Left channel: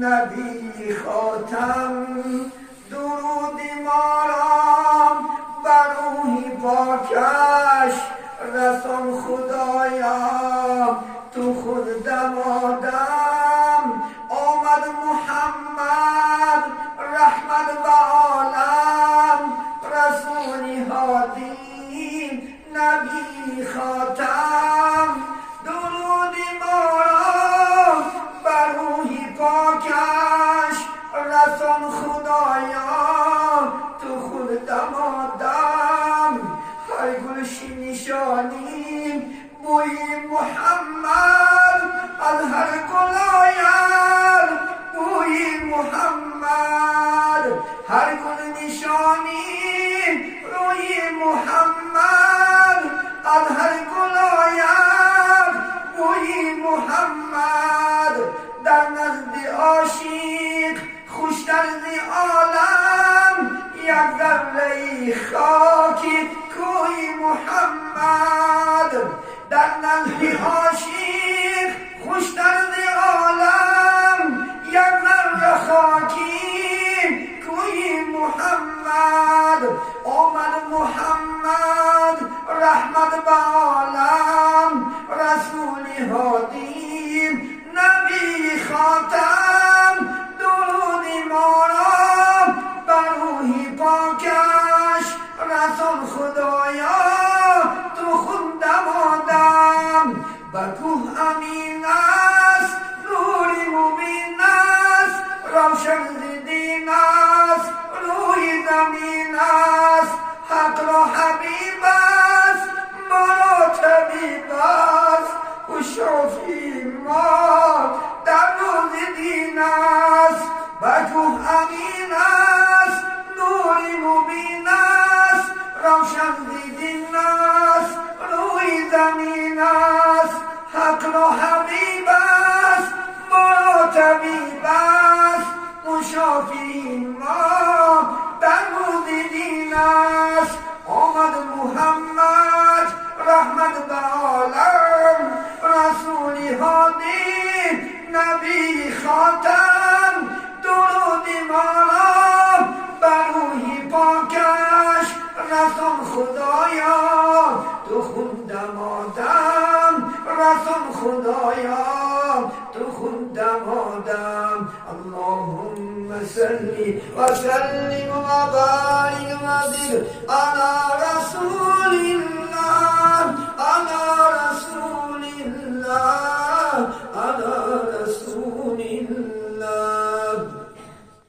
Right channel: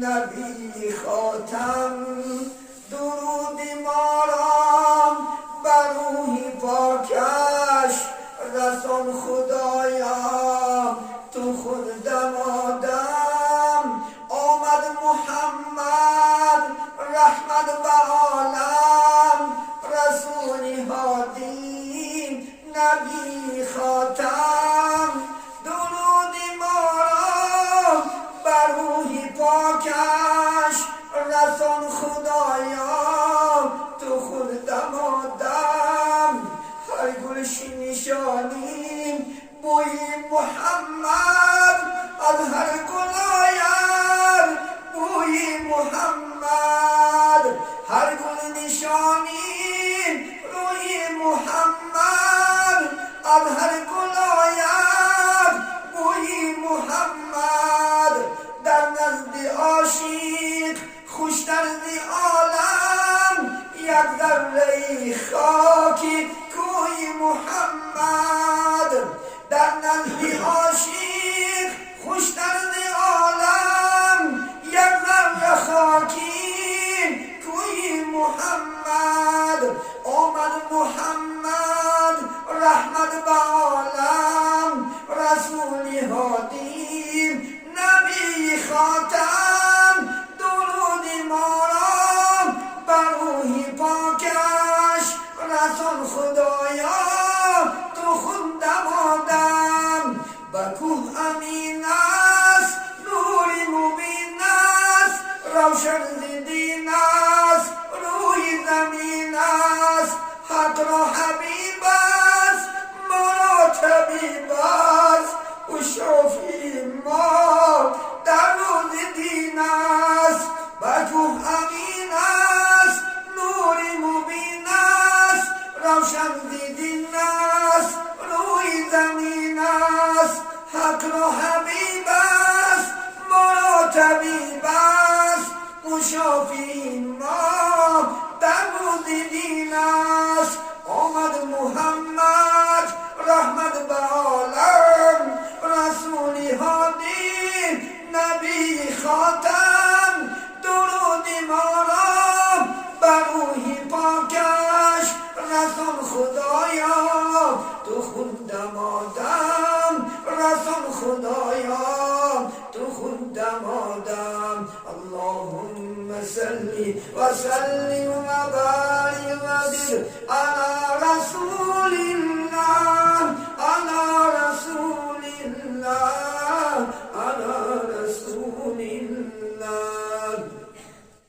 نبی خاتم درودی ما را بر روحی پاکش رسان خدایا تو خود دمادم آمد محمد رحمت به عالم رسولی هادی نبی خاتم درودی ما را بر روحی پاکش رسان خدایا تو خود دمادم هر گلشی نشانی بوی محمد از هر گل آید بوی محمد هر گل نشانی روی محمد از هر گل آید بوی محمد در نزد عاشق خوشتر ز عالم یک ذره خاکی کوی محمد در نزد عاشق خوشتر ز عالم یک ذره خاکی کوی محمد آمد محمد رحمت به عالم رسول هادی نبی خاتم درود ما را بر روحی پاکش رسول خدایا تو خود دمادم به کوه امین است نوری مبین است روشن ز دین است روی زمین است حق را حبیب است ما را طبیب است و شافی ما در روز دین است به کوه امین است نوری مبین است روشن ز دین است روی زمین است حق را حبیب است ما را طبیب است و شافی ما در روز دین است آمد محمد رحمت به عالم رسول هادی نبی خاتم درود ما را بر روحی پاکش رسول خدایا تو خود دمادم رسول خدایا تو خود دمادم اللهم صل و سلم و بارک و زد علی رسول الله علی رسول الله